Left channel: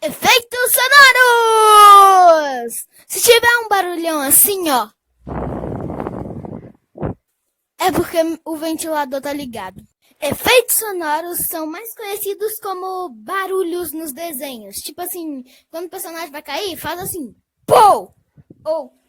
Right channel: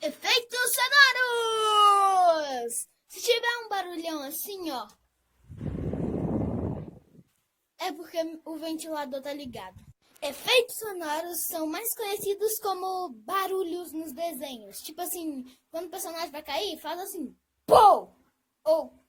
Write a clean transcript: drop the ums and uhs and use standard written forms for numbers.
Efeitos sonoros! Se tiver um barulhão assim, ó, é porque o ventilador tá ligado. Efeitos sonoros são mais conhecidos como barulhos nos desenhos. Tipo assim, quando o personagem vai cair, faz assim, pô! Ou